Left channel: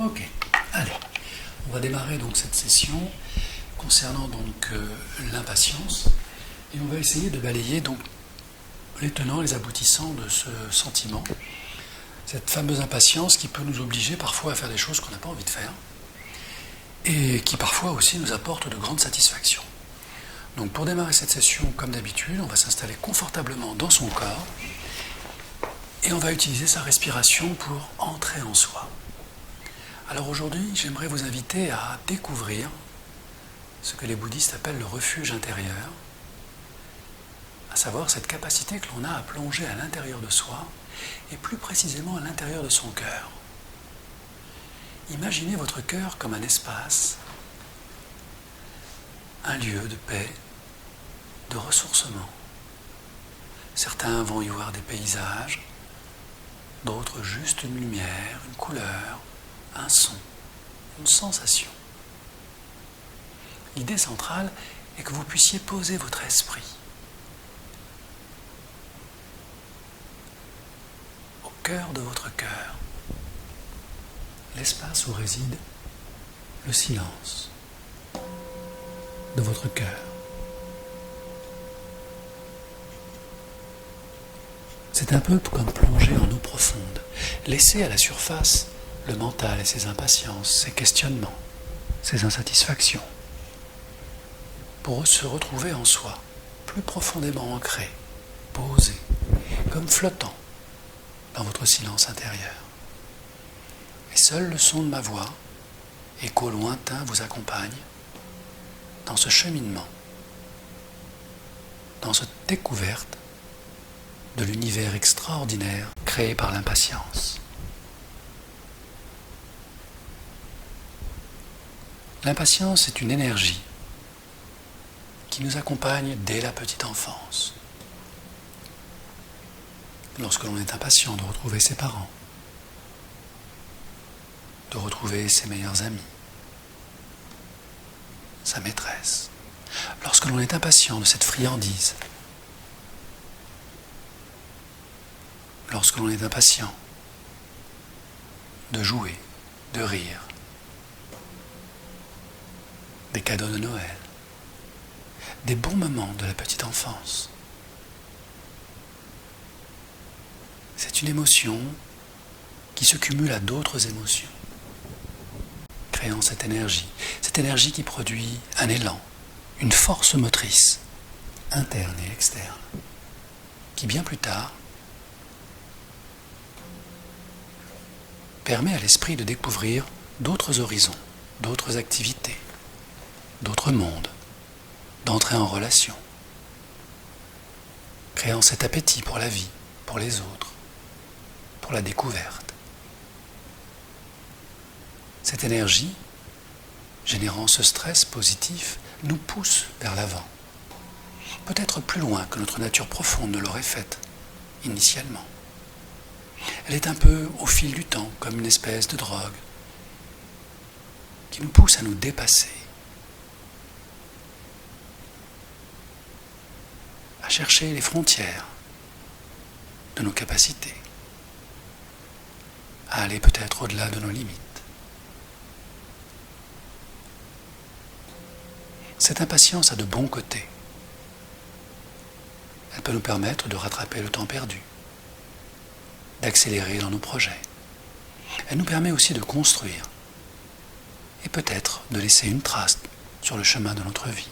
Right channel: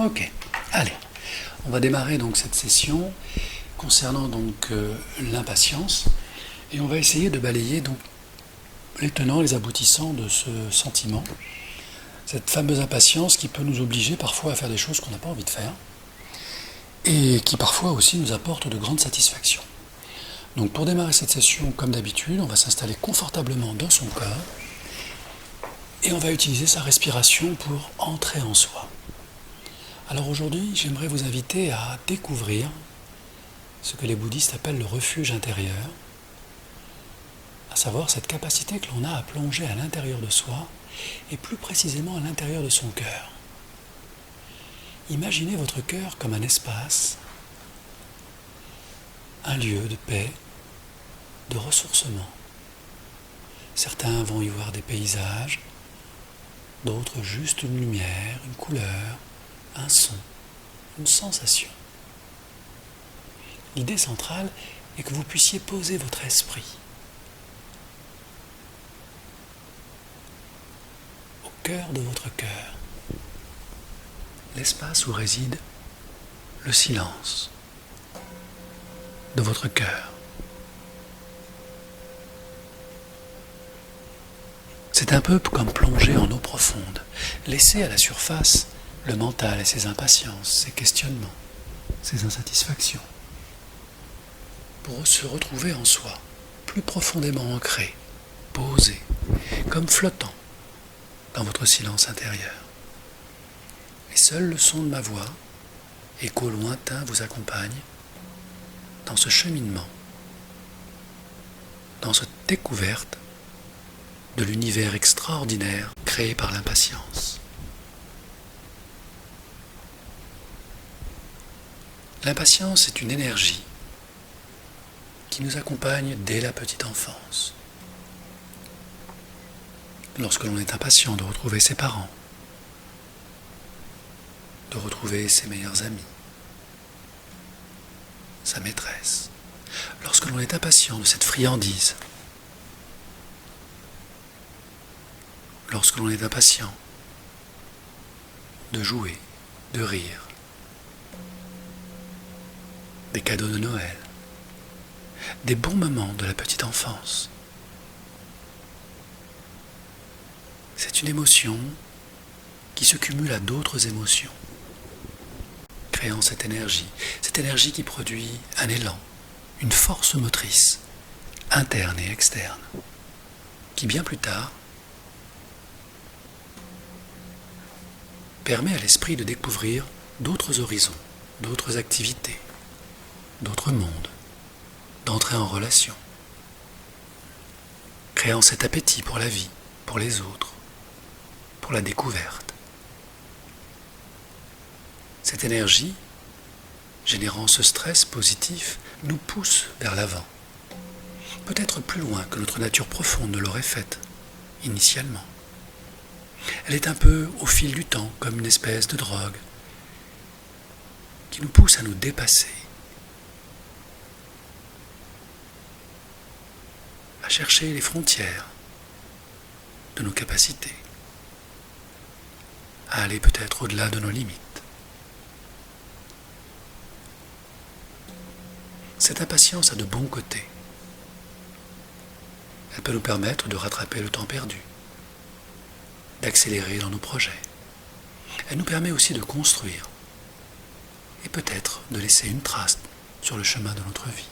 Ok, allez, on va démarrer donc cette session concernant donc l'impatience et on va essayer de balayer donc les tenants, les aboutissants de ce sentiment, cette fameuse impatience qui peut nous obliger parfois à faire des choses qu'on n'a pas envie de faire et qui parfois aussi nous apporte de grandes satisfactions. Donc pour démarrer cette session, comme d'habitude, on va s'installer confortablement dans son corps et on va utiliser sa respiration pour entrer en soi. Alors aujourd'hui, j'aimerais vous inviter à découvrir ce que les bouddhistes appellent le refuge intérieur, à savoir cette capacité que l'on a à plonger à l'intérieur de soi et plus précisément à l'intérieur de son cœur. Imaginez votre cœur comme un espace, un lieu de paix, de ressourcement. Certains vont y voir des paysages, d'autres juste une lumière, une couleur, un son, une sensation. L'idée centrale est que vous puissiez poser votre esprit au cœur de votre cœur, l'espace où réside le silence de votre cœur. C'est un peu comme plonger en eau profonde, laisser à la surface le mental et ses impatiences, ses questionnements, ses insatisfactions, pour se retrouver en soi, plus profondément ancré, posé, comme flottant dans votre silence intérieur. Et seul le son de ma voix, écho lointain, vous accompagne dans ce cheminement, dans cette découverte de l'univers extraordinaire créé par l'impatience. L'impatience est une énergie qui nous accompagne dès la petite enfance. Lorsque l'on est impatient de retrouver ses parents, de retrouver ses meilleurs amis, sa maîtresse, lorsque l'on est impatient de cette friandise, lorsque l'on est impatient de jouer, de rire, des cadeaux de Noël, des bons moments de la petite enfance. C'est une émotion qui se cumule à d'autres émotions, créant cette énergie qui produit un élan, une force motrice, interne et externe, qui bien plus tard permet à l'esprit de découvrir d'autres horizons, d'autres activités, d'autres mondes, d'entrer en relation, créant cet appétit pour la vie, pour les autres, pour la découverte. Cette énergie, générant ce stress positif, nous pousse vers l'avant, peut-être plus loin que notre nature profonde ne l'aurait faite initialement. Elle est un peu au fil du temps, comme une espèce de drogue, qui nous pousse à nous dépasser, à chercher les frontières de nos capacités, à aller peut-être au-delà de nos limites. Cette impatience a de bons côtés. Elle peut nous permettre de rattraper le temps perdu, d'accélérer dans nos projets. Elle nous permet aussi de construire et peut-être de laisser une trace sur le chemin de notre vie.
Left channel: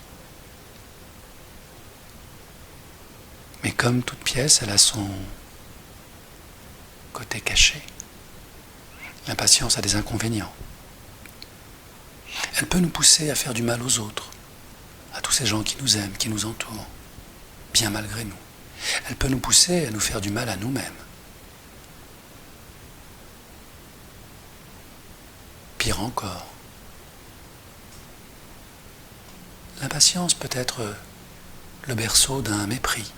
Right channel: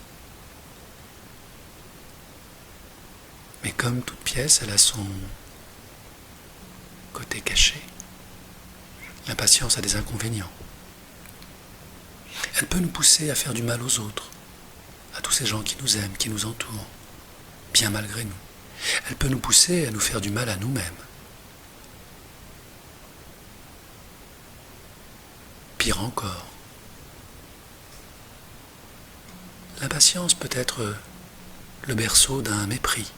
Mais comme toute pièce, elle a son côté caché. L'impatience a des inconvénients. Elle peut nous pousser à faire du mal aux autres, à tous ces gens qui nous aiment, qui nous entourent, bien malgré nous. Elle peut nous pousser à nous faire du mal à nous-mêmes. Pire encore, l'impatience peut être le berceau d'un mépris.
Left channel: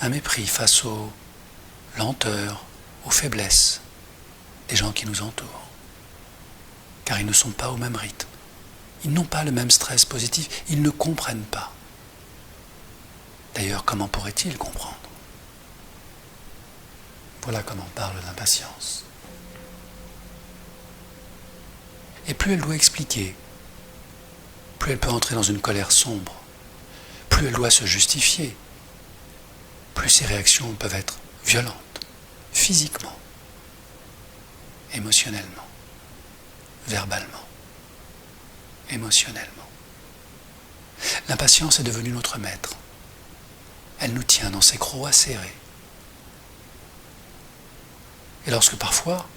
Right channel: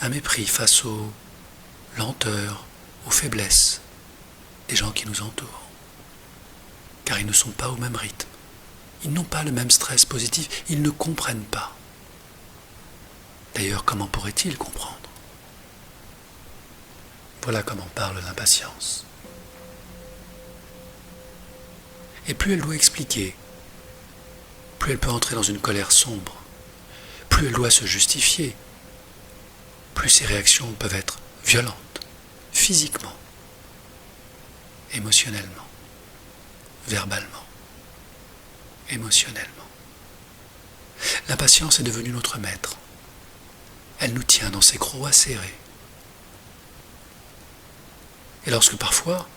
Un mépris face aux lenteurs, aux faiblesses des gens qui nous entourent. Car ils ne sont pas au même rythme. Ils n'ont pas le même stress positif. Ils ne comprennent pas. D'ailleurs, comment pourraient-ils comprendre ? Voilà comment parle l'impatience. Et plus elle doit expliquer, plus elle peut entrer dans une colère sombre, plus elle doit se justifier, plus ses réactions peuvent être violentes, physiquement, émotionnellement, verbalement, émotionnellement. L'impatience est devenue notre maître. Elle nous tient dans ses crocs serrés. Et lorsque parfois,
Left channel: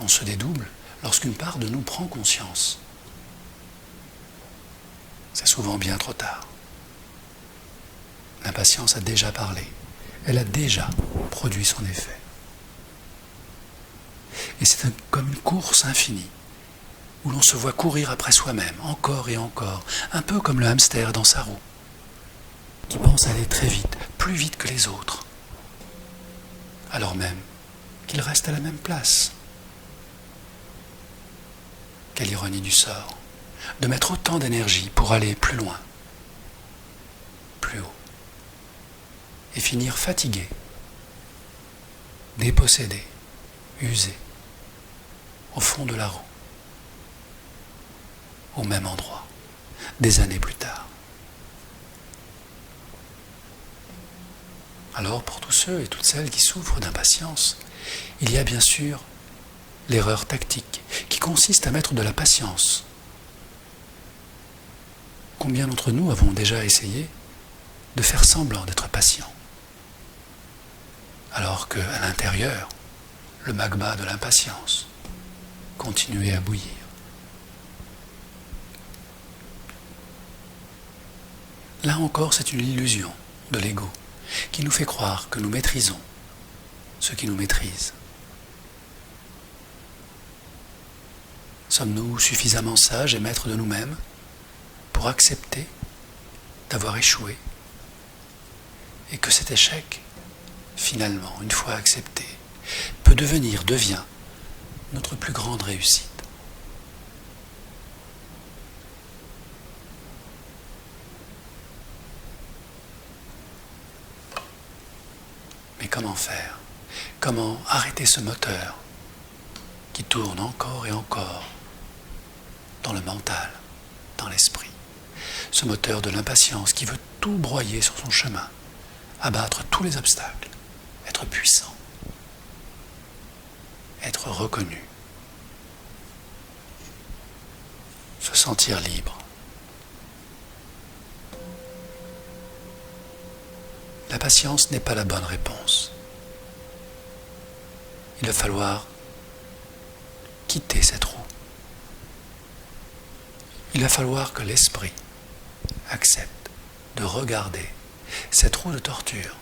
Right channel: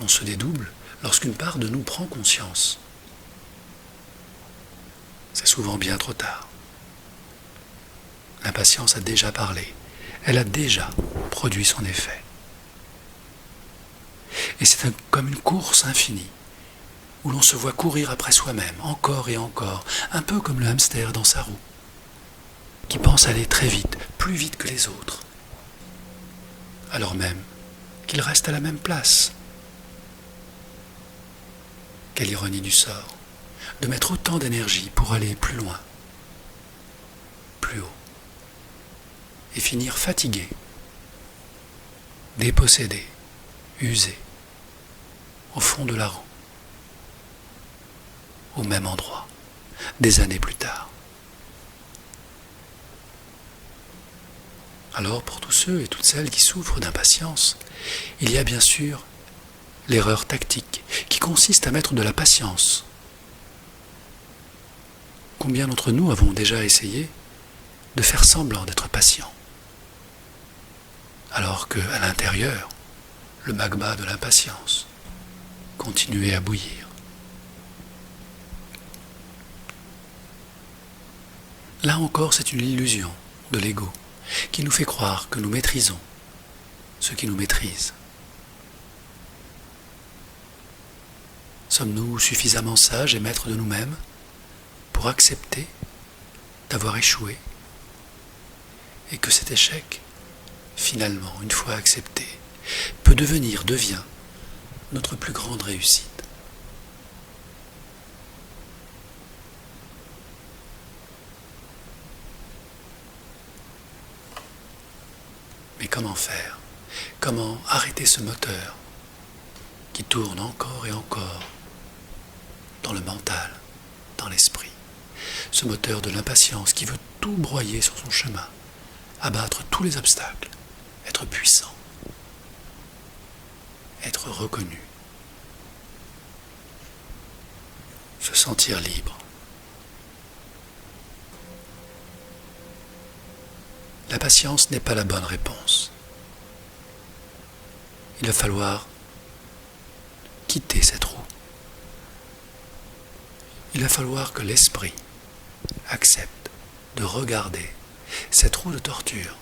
on se dédouble, lorsqu'une part de nous prend conscience, c'est souvent bien trop tard. L'impatience a déjà parlé, elle a déjà produit son effet. Et c'est comme une course infinie, où l'on se voit courir après soi-même, encore et encore, un peu comme le hamster dans sa roue, qui pense aller très vite, plus vite que les autres, alors même qu'il reste à la même place. Quelle ironie du sort, de mettre autant d'énergie pour aller plus loin, plus haut, et finir fatigué, dépossédé, usé, au fond de la roue, au même endroit, des années plus tard. Alors, pour tous ceux et toutes celles qui souffrent d'impatience, il y a bien sûr l'erreur tactique, qui consiste à mettre de la patience. Combien d'entre nous avons déjà essayé de faire semblant d'être patients, alors qu'à l'intérieur, le magma de l'impatience continuait à bouillir. Là encore, c'est une illusion de l'ego qui nous fait croire que nous maîtrisons ce qui nous maîtrise. Sommes-nous suffisamment sages et maîtres de nous-mêmes pour accepter d'avoir échoué et que cet échec, finalement, une fois accepté, devient notre plus grande réussite? Mais comment faire? Comment arrêter ce moteur qui tourne encore et encore dans le mental, dans l'esprit? Ce moteur de l'impatience qui veut tout broyer sur son chemin, abattre tous les obstacles, être puissant, être reconnu, se sentir libre. La patience n'est pas la bonne réponse. Il va falloir quitter cette roue. Il va falloir que l'esprit accepte de regarder cette roue de torture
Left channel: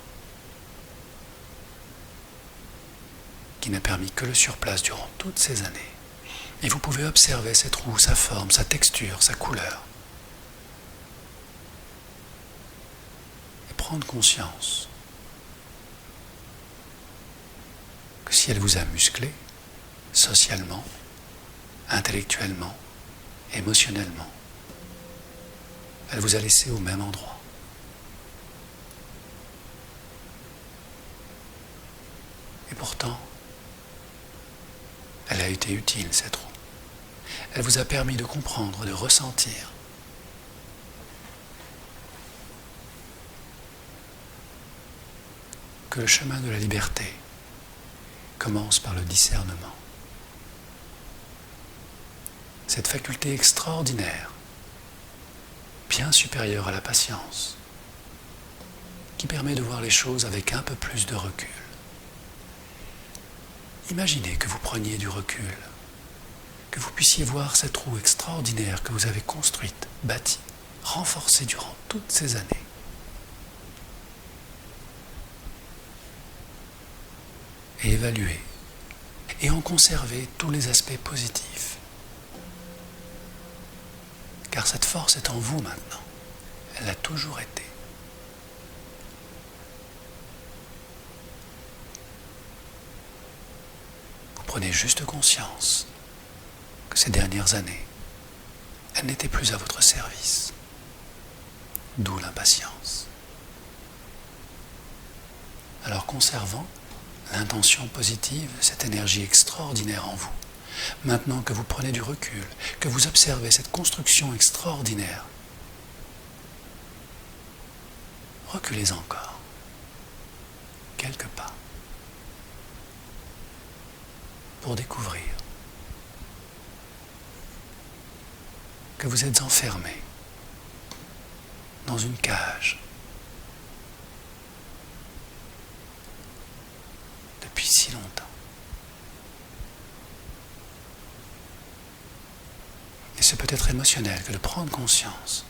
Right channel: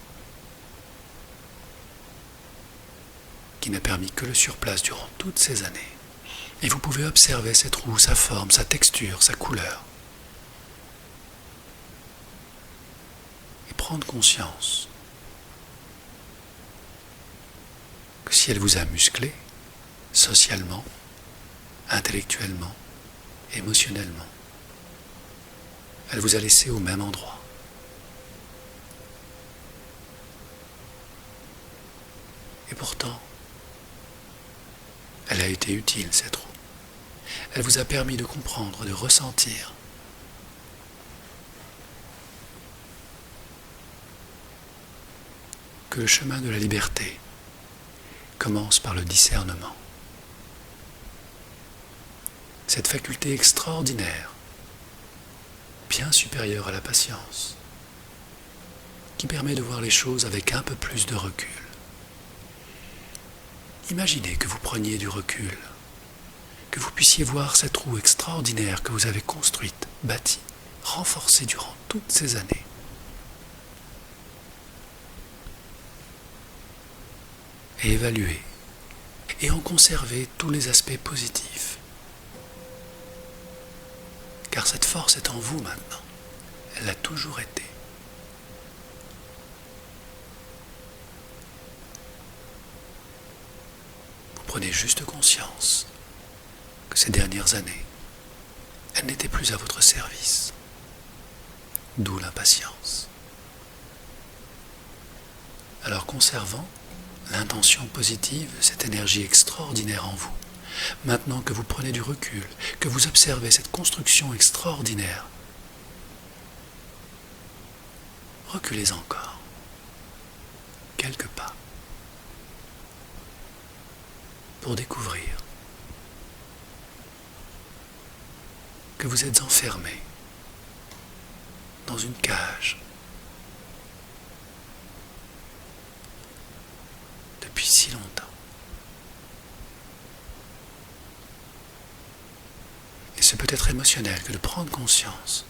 qui n'a permis que le surplace durant toutes ces années. Et vous pouvez observer cette roue, sa forme, sa texture, sa couleur. Et prendre conscience que si elle vous a musclé, socialement, intellectuellement, émotionnellement, elle vous a laissé au même endroit. Et pourtant, elle a été utile, cette roue. Elle vous a permis de comprendre, de ressentir que le chemin de la liberté commence par le discernement. Cette faculté extraordinaire, bien supérieure à la patience, qui permet de voir les choses avec un peu plus de recul. Imaginez que vous preniez du recul, que vous puissiez voir cette roue extraordinaire que vous avez construite, bâtie, renforcée durant toutes ces années. Et évaluer, et en conserver tous les aspects positifs. Car cette force est en vous maintenant, elle a toujours été. Prenez juste conscience que ces dernières années, elles n'étaient plus à votre service. D'où l'impatience. Alors conservant l'intention positive de cette énergie extraordinaire en vous, Maintenant que vous prenez du recul, que vous observez cette construction extraordinaire, reculez encore, quelques pas, pour découvrir que vous êtes enfermé dans une cage depuis si longtemps. Et c'est peut-être émotionnel que de prendre conscience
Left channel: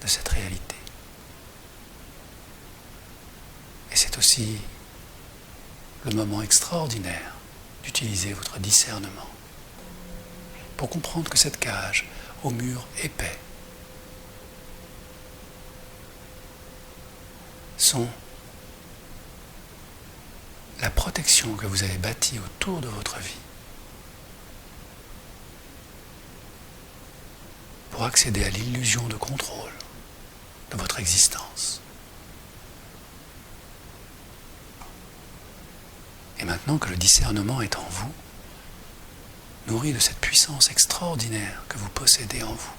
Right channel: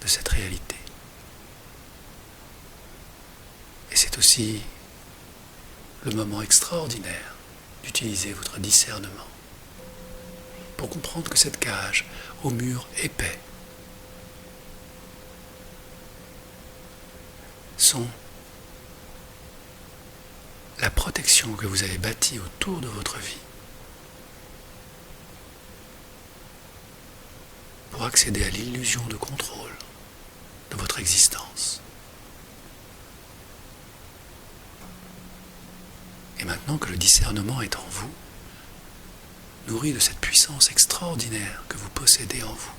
de cette réalité. Et c'est aussi le moment extraordinaire d'utiliser votre discernement pour comprendre que cette cage au mur épais sont la protection que vous avez bâtie autour de votre vie pour accéder à l'illusion de contrôle de votre existence. Et maintenant que le discernement est en vous, nourri de cette puissance extraordinaire que vous possédez en vous,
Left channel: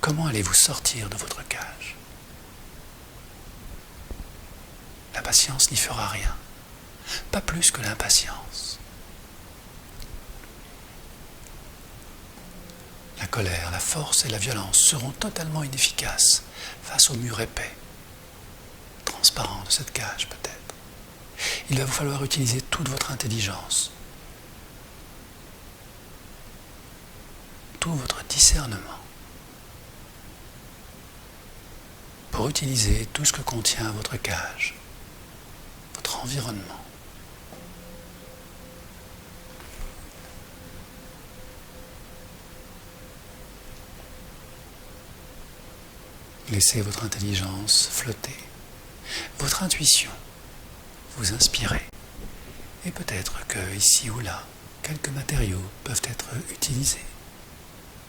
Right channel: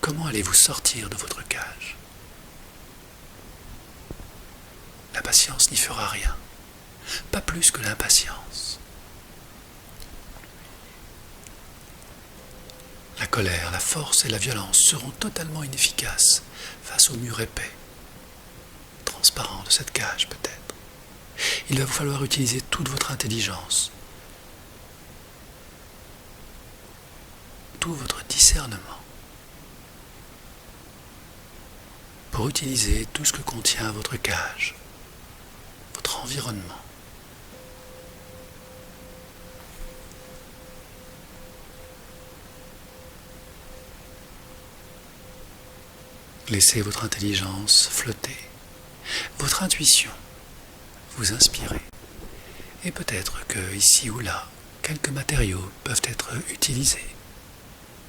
comment allez-vous sortir de votre cage ? L'impatience n'y fera rien, pas plus que l'impatience. La colère, la force et la violence seront totalement inefficaces face au mur épais, transparent de cette cage peut-être. Il va vous falloir utiliser toute votre intelligence, tout votre discernement, pour utiliser tout ce que contient votre cage, votre environnement. Laissez votre intelligence flotter, votre intuition vous inspirer. Et peut-être que ici ou là, quelques matériaux peuvent être utilisés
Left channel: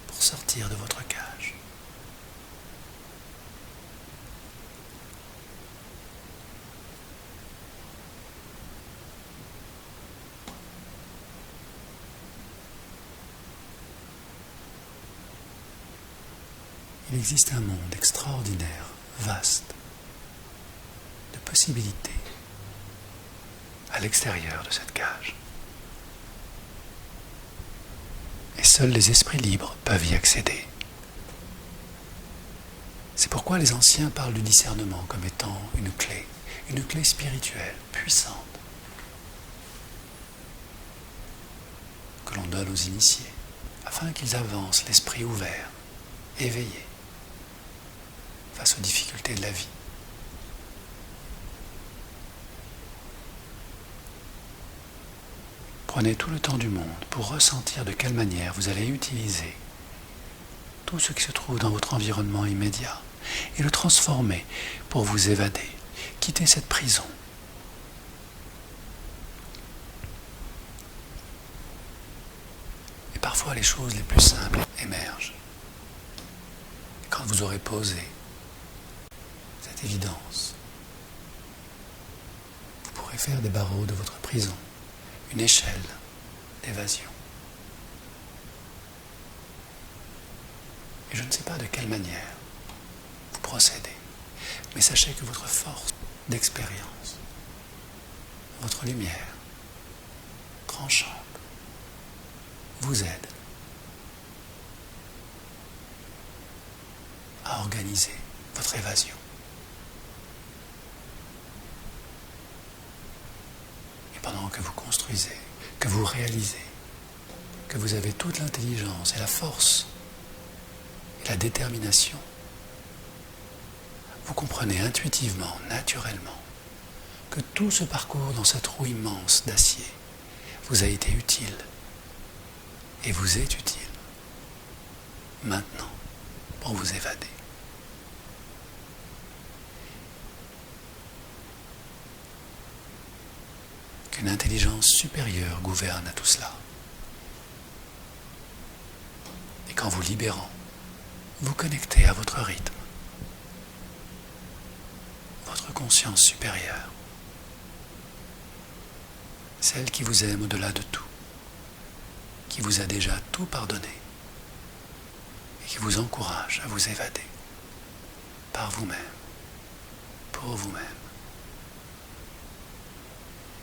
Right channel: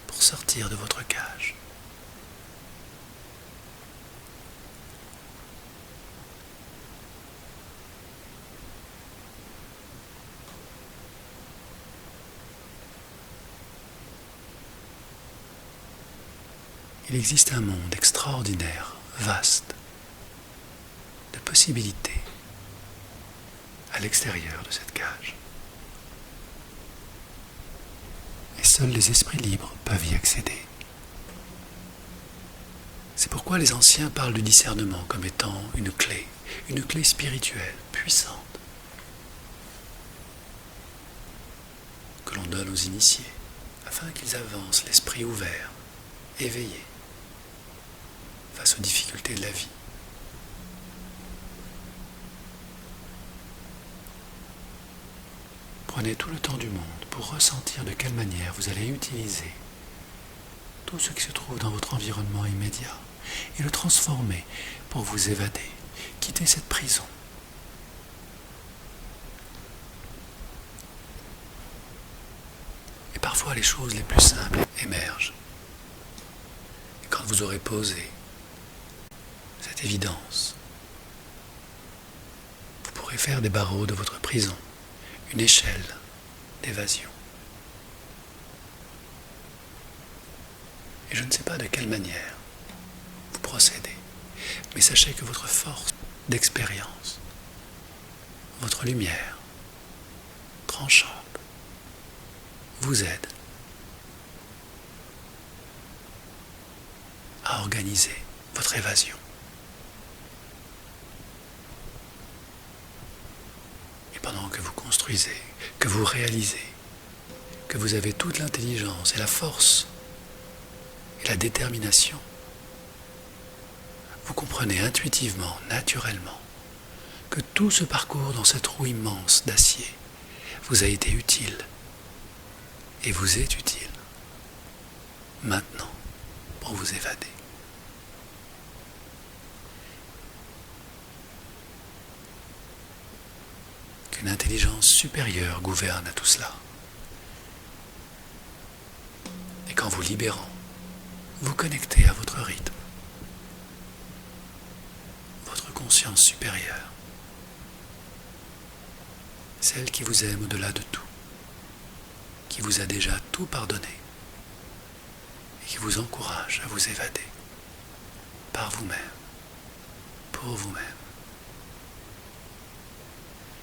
pour sortir de votre cage. Il existe un monde extraordinaire, vaste, de possibilités à l'extérieur de cette cage. Et seuls les esprits libres peuvent y accéder. C'est pourquoi les anciens parlent du discernement comme étant une clé spirituelle puissante que l'on donne aux initiés afin qu'ils avancent l'esprit ouvert, éveillé face aux difficultés de la vie. Prenez tout le temps du monde pour ressentir de quelle manière vous allez utiliser tout ce qui se trouve dans votre environnement immédiat et le transformer pour vous évader, quitter cette prison. Et parfois les choses les plus simples émergent. Et quand vous aurez posé cette évidence, vous pourrez faire des barreaux de votre prison une échelle d'évasion. Et je ne sais pas de quelle manière vous procédez, mais sachez que votre force d'expérience, votre lumière tranchante, vous aide à organiser votre évasion. Pendant que vous construisez, que vous réalisez, que vous avez toute l'intelligence et la force et la détermination, vous comprenez intuitivement, naturellement, que tout ce parcours dans cette roue immense d'acier vous a été utile et vous est utile maintenant pour vous évader. Qu'une intelligence supérieure gouverne à tout cela. Et qu'en vous libérant, vous connectez à votre rythme, votre conscience supérieure. celle qui vous aime au-delà de tout, qui vous a déjà tout pardonné et qui vous encourage à vous évader par vous-même, pour vous-même.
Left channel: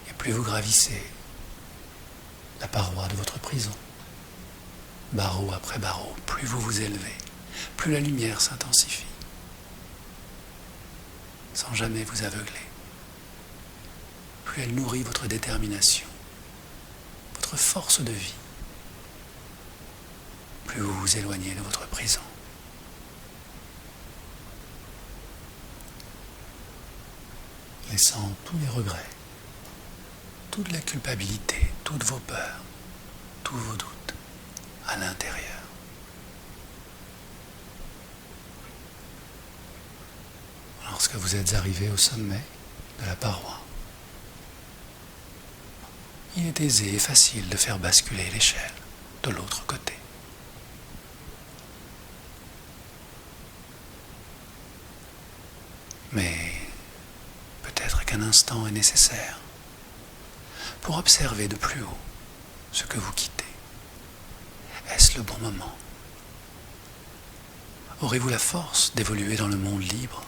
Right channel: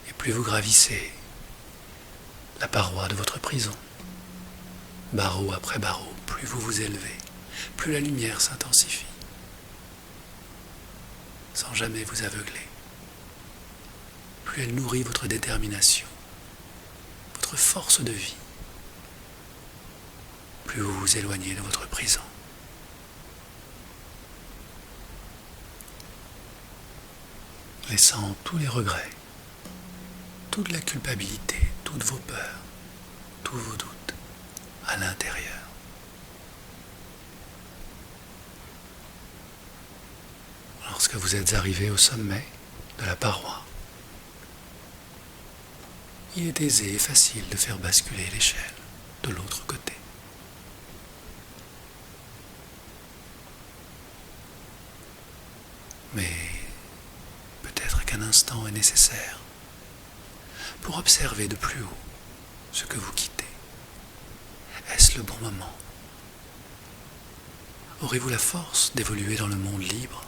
Et plus vous gravissez la paroi de votre prison, barreau après barreau, plus vous vous élevez, plus la lumière s'intensifie, sans jamais vous aveugler. Plus elle nourrit votre détermination, votre force de vie, plus vous vous éloignez de votre prison. Laissant tous les regrets, toute la culpabilité, toutes vos peurs, tous vos doutes à l'intérieur. Lorsque vous êtes arrivé au sommet de la paroi, il est aisé et facile de faire basculer l'échelle de l'autre côté. Mais peut-être qu'un instant est nécessaire pour observer de plus haut ce que vous quittez. Est-ce le bon moment? Aurez-vous la force d'évoluer dans le monde libre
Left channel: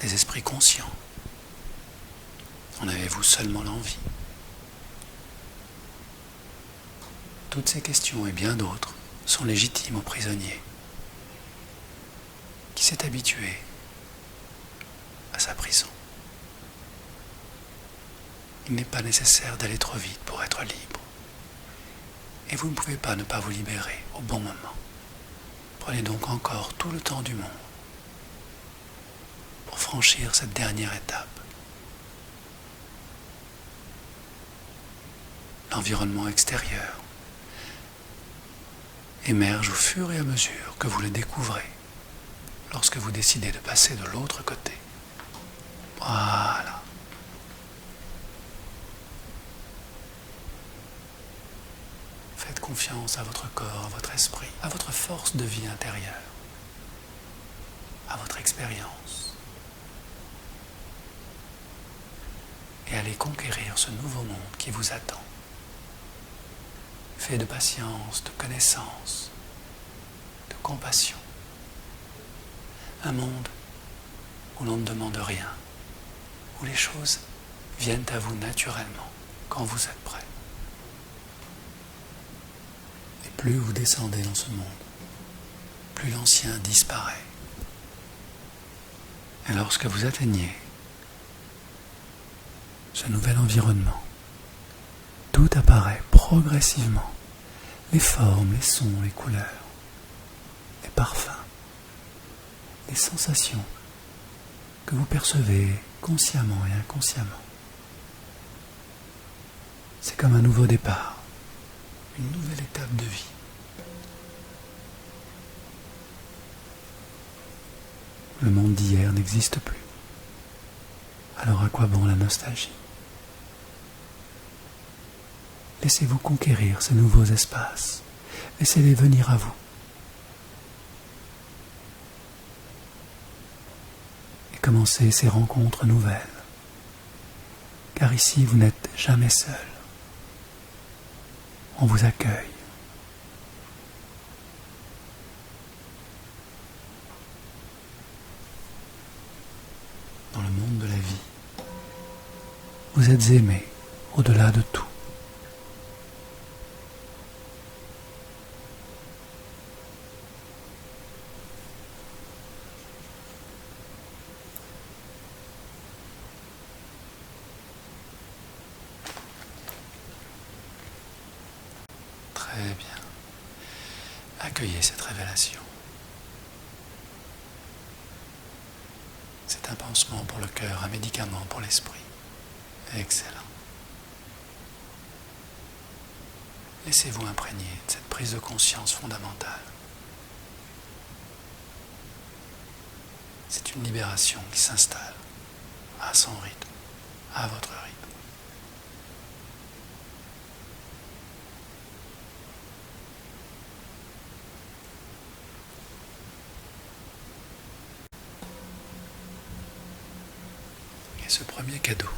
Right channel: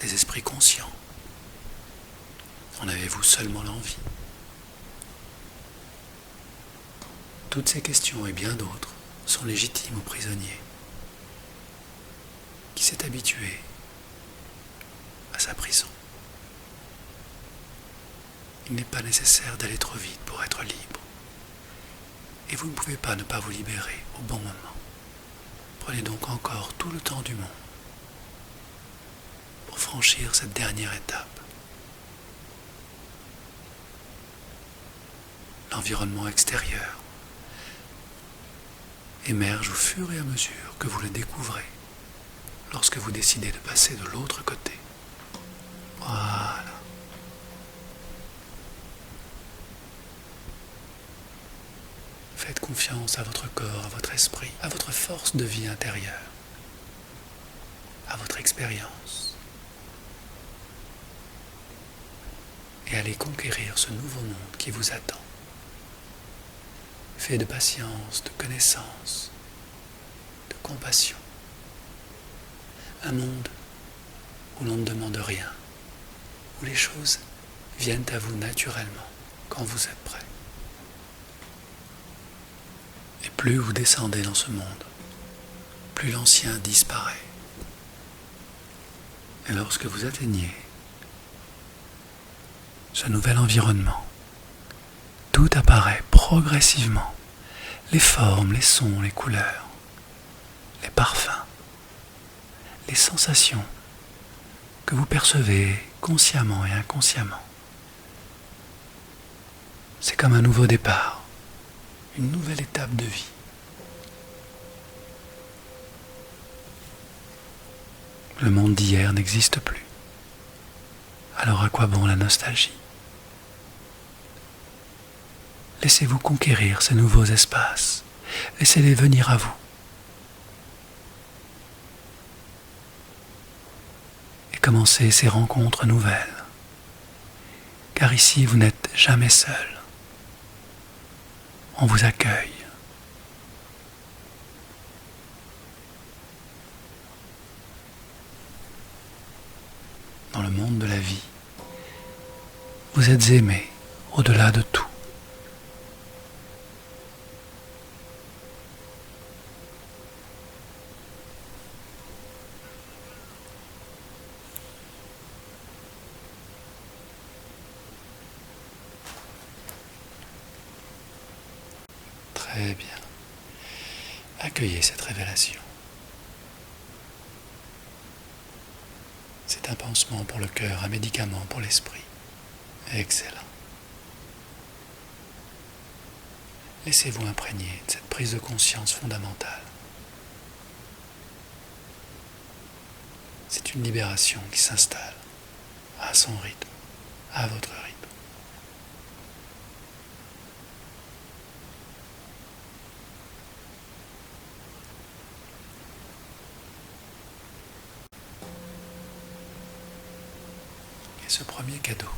des esprits conscients? En avez-vous seulement l'envie? Toutes ces questions et bien d'autres sont légitimes au prisonnier qui s'est habitué à sa prison. Il n'est pas nécessaire d'aller trop vite pour être libre. Et vous ne pouvez pas ne pas vous libérer au bon moment. Prenez donc encore tout le temps du monde pour franchir cette dernière étape. L'environnement extérieur émerge au fur et à mesure que vous le découvrez lorsque vous décidez de passer de l'autre côté. Voilà. Faites confiance à votre corps, à votre esprit, à votre force de vie intérieure, à votre expérience. Et allez conquérir ce nouveau monde qui vous attend. Fait de patience, de connaissance, de compassion. Un monde où l'on ne demande rien, où les choses viennent à vous naturellement quand vous êtes prêt. Et plus vous descendez dans ce monde, plus l'ancien disparaît. Et lorsque vous atteignez ce nouvel environnement, tout apparaît progressivement. Les formes, les sons, les couleurs, les parfums, les sensations que vous percevez consciemment et inconsciemment. C'est comme un nouveau départ, une nouvelle étape de vie. Le monde d'hier n'existe plus. Alors à quoi bon la nostalgie? Laissez-vous conquérir ces nouveaux espaces. Laissez-les venir à vous. Et commencez ces rencontres nouvelles. Car ici, vous n'êtes jamais seul. On vous accueille. Dans le monde de la vie, vous êtes aimé au-delà de tout. Très bien. Accueillez cette révélation. C'est un pansement pour le cœur, un médicament pour l'esprit. Excellent. Laissez-vous imprégner de cette prise de conscience fondamentale. C'est une libération qui s'installe à son rythme, à votre rythme. Et ce premier cadeau,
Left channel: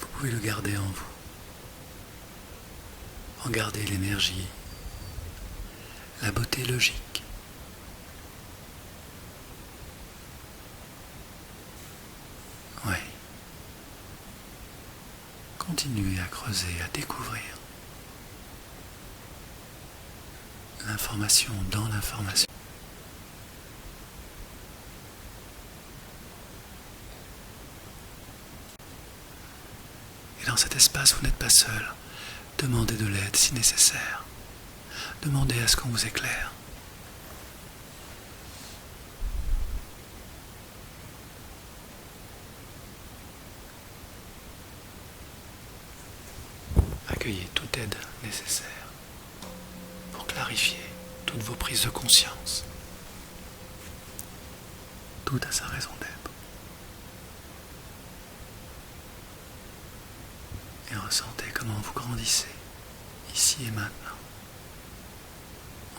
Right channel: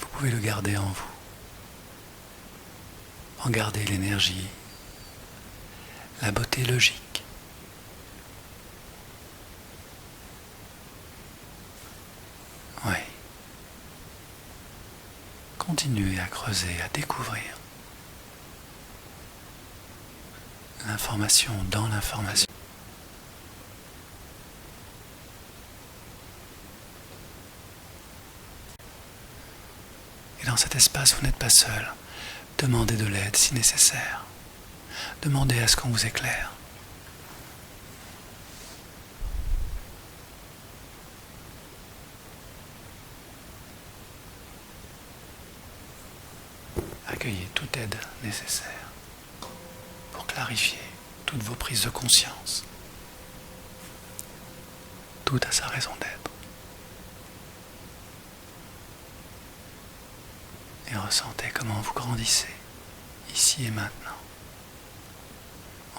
vous pouvez le garder en vous. En garder l'énergie, la beauté logique. Oui. Continuez à creuser, à découvrir l'information dans l'information. Et dans cet espace, vous n'êtes pas seul. Demandez de l'aide si nécessaire. Demandez à ce qu'on vous éclaire. Accueillez toute aide nécessaire pour clarifier toutes vos prises de conscience. Tout a sa raison d'être. Et ressentez comment vous grandissez, ici et maintenant,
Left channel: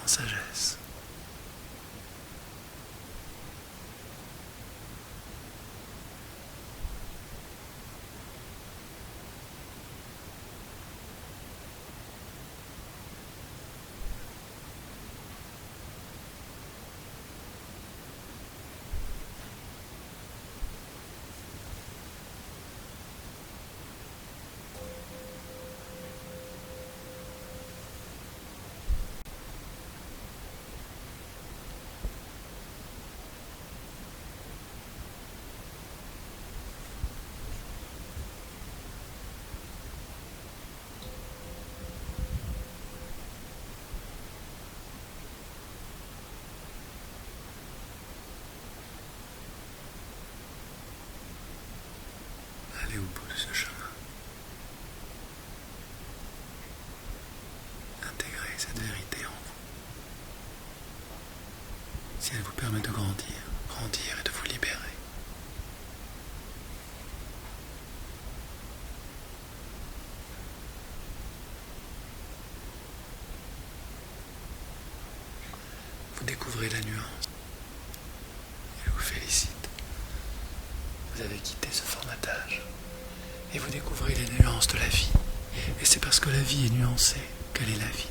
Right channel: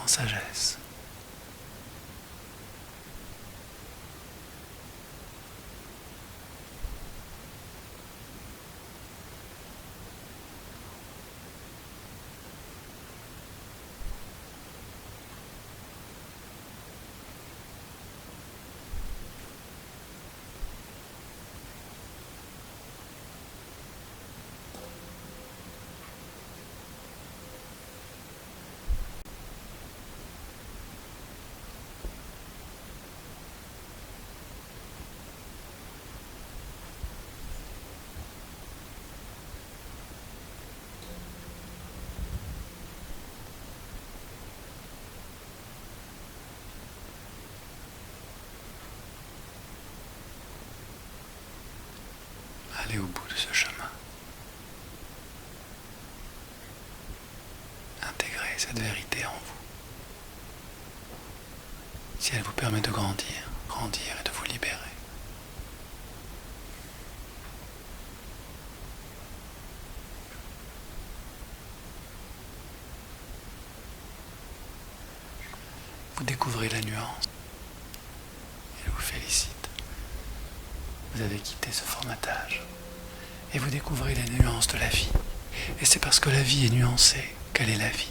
en sagesse. Allez au bout de ce chemin. Intégrez cette vérité en vous. Si elle vous permet de grandir et de vous libérer. Vous découvrez la nuance. Et je vous félicite. Vous avez quitté ce formatage. Et vous découvrez les nuances de la vie. Et c'est parce que la vie est nuancée qu'elle est la vie.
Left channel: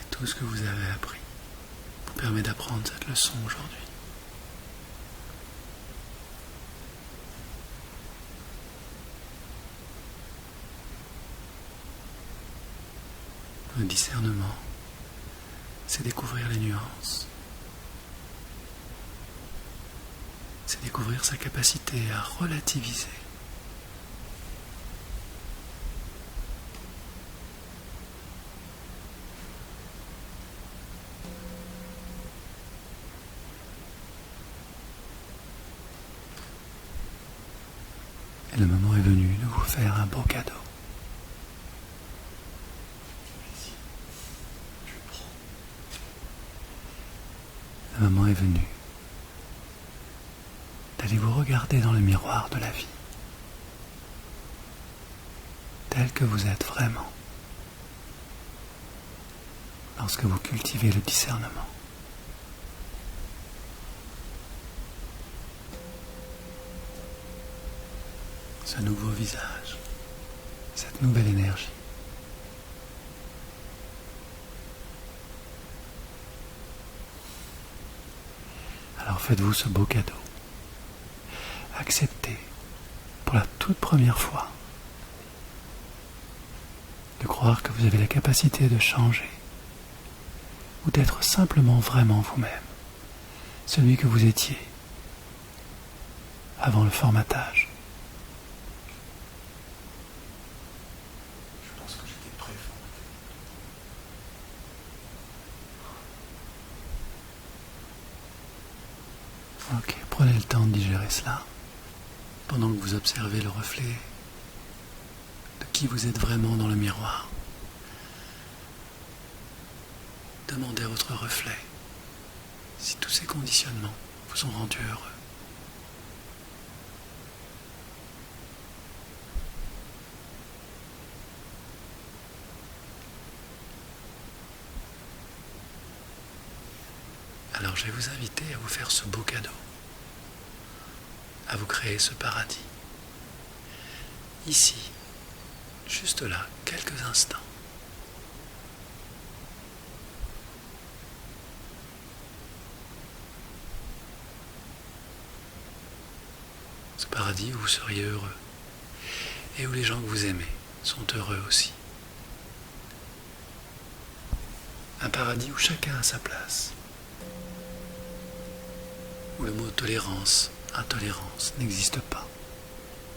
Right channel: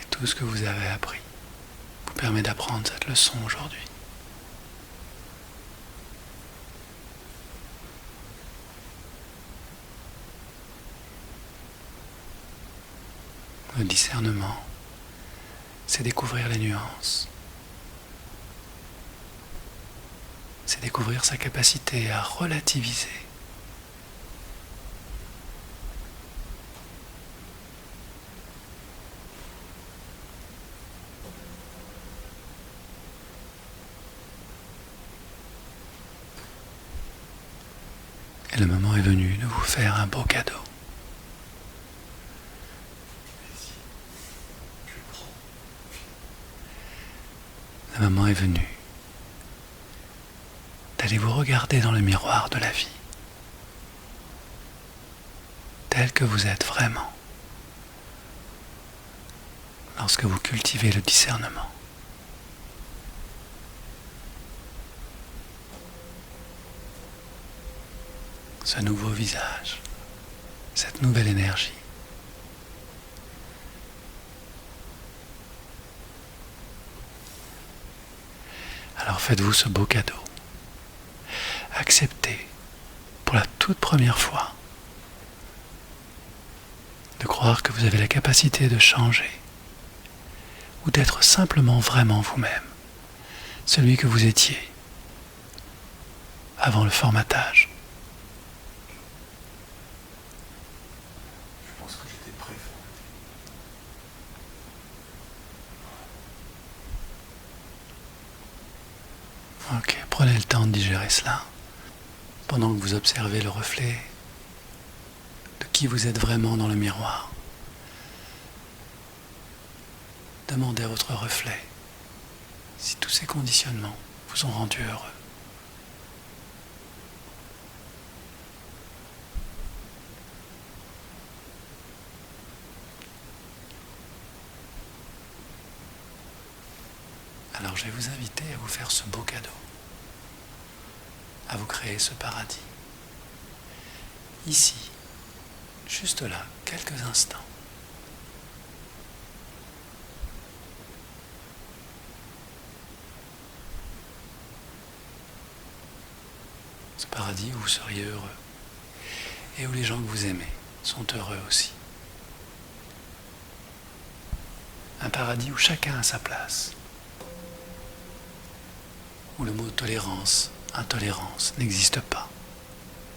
Et tout ce que vous avez appris vous permet d'apprendre cette leçon aujourd'hui. Le discernement, c'est découvrir les nuances. C'est découvrir sa capacité à relativiser. Et le moment est venu de vous faire un beau cadeau. Le moment est venu d'aller vous regarder dans le miroir de la vie, tel que vous êtes vraiment, lorsque vous cultivez le discernement. Ce nouveau visage, cette nouvelle énergie. Alors faites-vous ce beau cadeau. Acceptez, pour la toute première fois, de croire que vous avez la capacité de changer ou d'être simplement vraiment vous-même, celui que vous étiez avant le formatage. Je pense que j'étais prêt. Ok, prenez le temps de digérer cela, pendant que vous observez le reflet de qui vous êtes vraiment dans le miroir. Demandez à votre reflet si tous ces conditionnements vous ont rendu heureux. Alors je vais vous inviter à vous faire ce beau cadeau, à vous créer ce paradis. Ici, juste là, quelques instants. Ce paradis où vous seriez heureux et où les gens que vous aimez sont heureux aussi. Un paradis où chacun a sa place, où le mot tolérance, intolérance n'existe pas,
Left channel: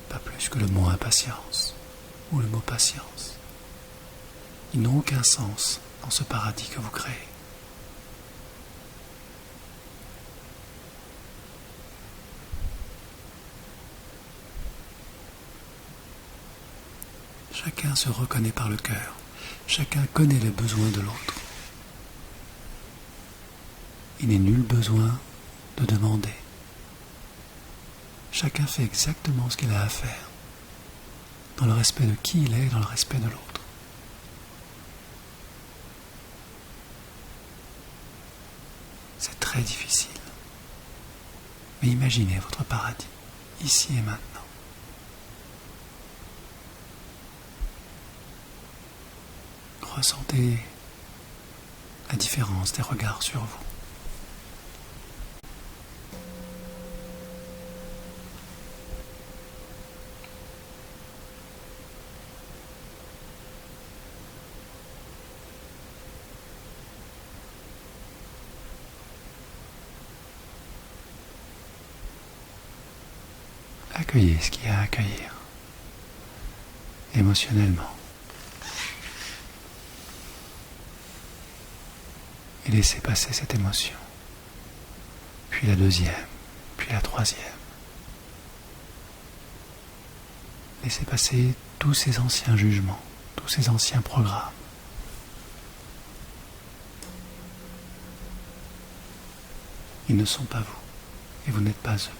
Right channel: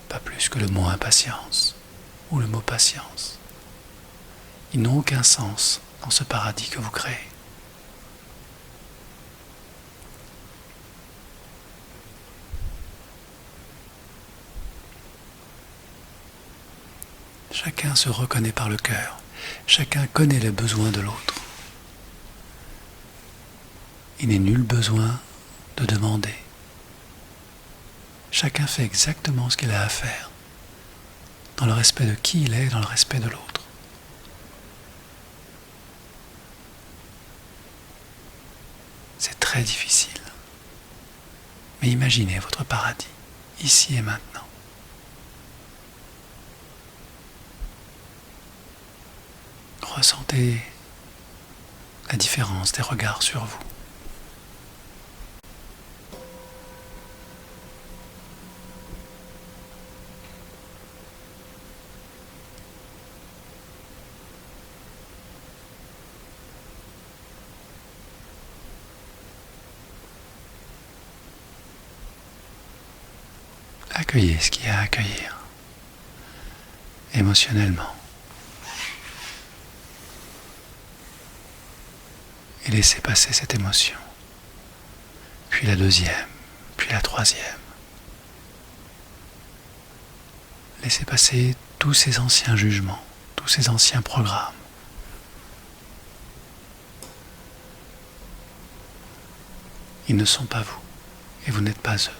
pas plus que le mot impatience ou le mot patience. Ils n'ont aucun sens dans ce paradis que vous créez. Chacun se reconnaît par le cœur, chacun connaît les besoins de l'autre. Il n'est nul besoin de demander. Chacun fait exactement ce qu'il a à faire, dans le respect de qui il est, dans le respect de l'autre. C'est très difficile. Mais imaginez votre paradis, ici et maintenant. Ressentez la différence des regards sur vous. Accueillez ce qu'il y a à accueillir, émotionnellement. Et laissez passer cette émotion. Puis la deuxième, puis la troisième. Laissez passer tous ces anciens jugements, tous ces anciens programmes. Ils ne sont pas vous, et vous n'êtes pas eux.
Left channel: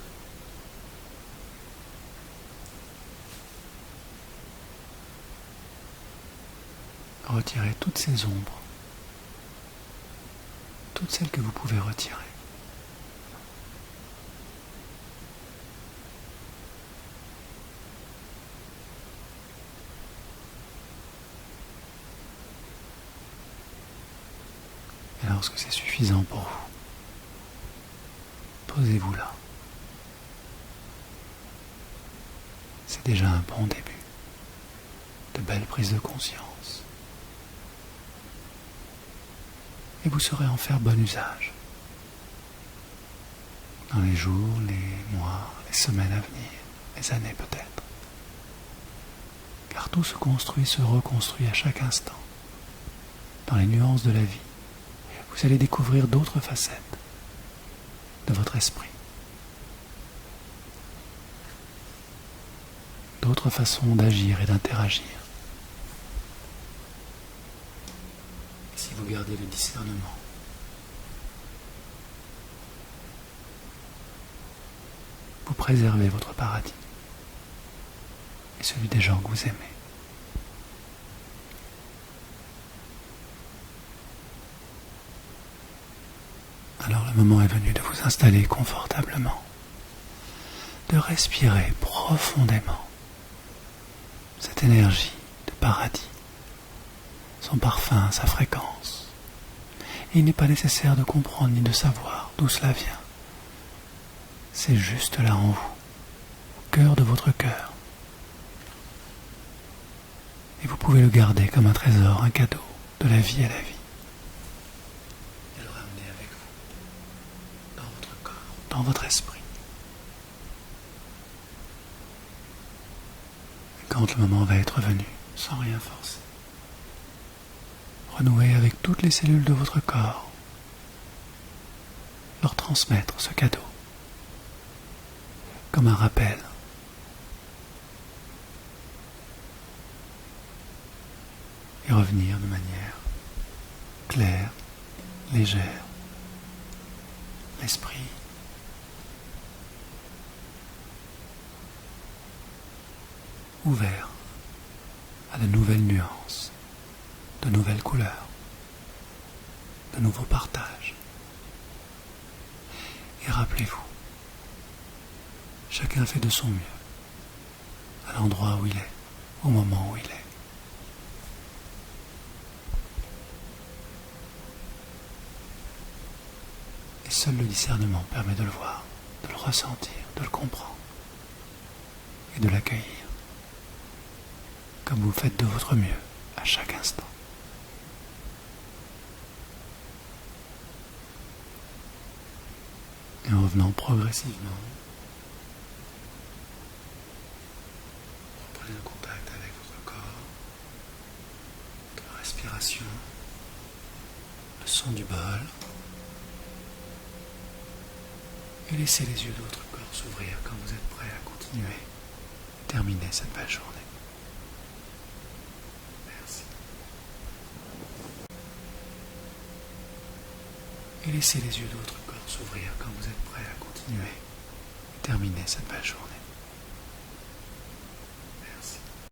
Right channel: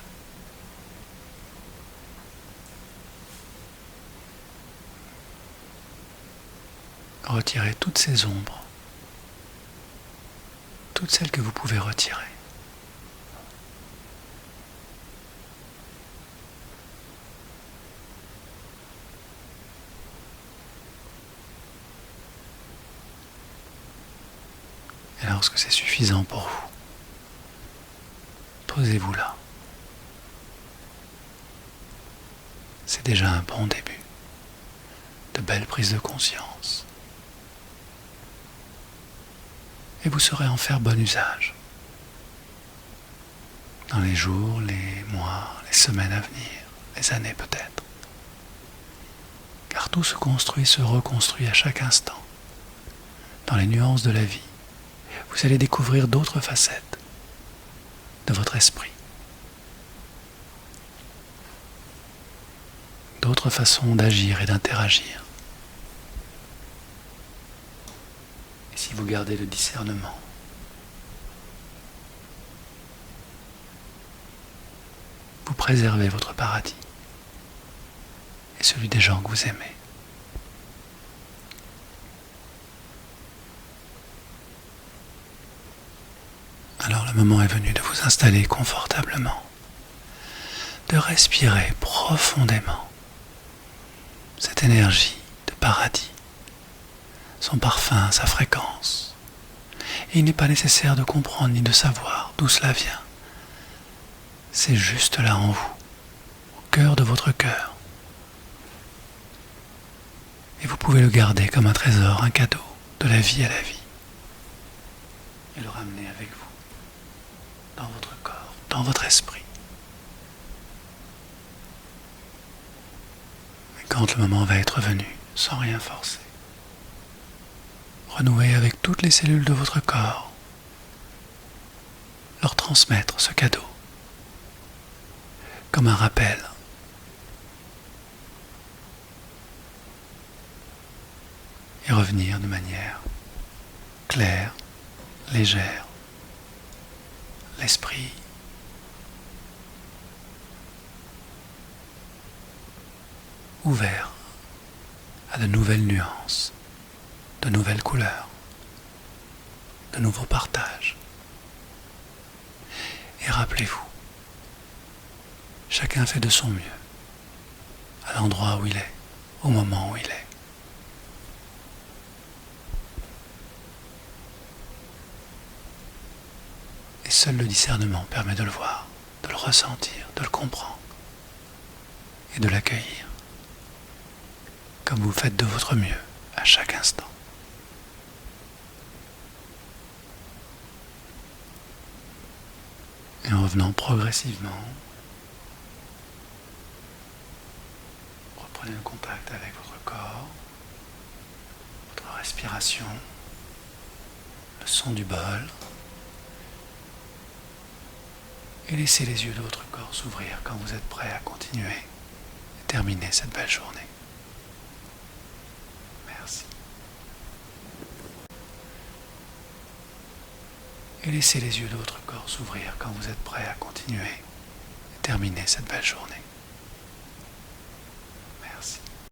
Retirez toutes ces ombres, toutes celles que vous pouvez retirer. Et lorsque c'est suffisant pour vous, posez-vous là. C'est déjà un bon début. De belles prises de conscience. Et vous saurez en faire bon usage. Dans les jours, les mois, les semaines à venir, les années peut-être. Car tout se construit, se reconstruit à chaque instant. Dans les nuances de la vie, vous allez découvrir d'autres facettes de votre esprit. D'autres façons d'agir et d'interagir. Et si vous gardez le discernement, vous préservez votre paradis et celui des gens que vous aimez. Alors le moment est venu de vous installer confortablement, de respirer profondément cette énergie de paradis, son parfum, sa fréquence. Et il n'est pas nécessaire de comprendre ni de savoir d'où cela vient. C'est juste là en vous, au cœur de votre cœur. Et vous pouvez le garder comme un trésor, un cadeau de la vie à la vie. Et le ramener avec vous, dans votre corps, dans votre esprit. Et quand le moment va être venu, sans rien forcer, renouer avec toutes les cellules de votre corps, leur transmettre ce cadeau, comme un rappel. Et revenir de manière claire, légère, l'esprit ouvert à de nouvelles nuances, de nouvelles couleurs, de nouveaux partages. rappelez-vous, chacun fait de son mieux, à l'endroit où il est, au moment où il est. Et seul le discernement permet de le voir, de le ressentir, de le comprendre et de l'accueillir, comme vous faites de votre mieux à chaque instant. Et en revenant progressivement, reprenez le contact avec votre corps, votre respiration, le son du bol, et laissez les yeux de votre corps s'ouvrir quand vous êtes prêt à continuer et terminer cette belle journée. Merci. Et laissez les yeux de votre corps s'ouvrir quand vous êtes prêt à continuer et terminer cette belle journée.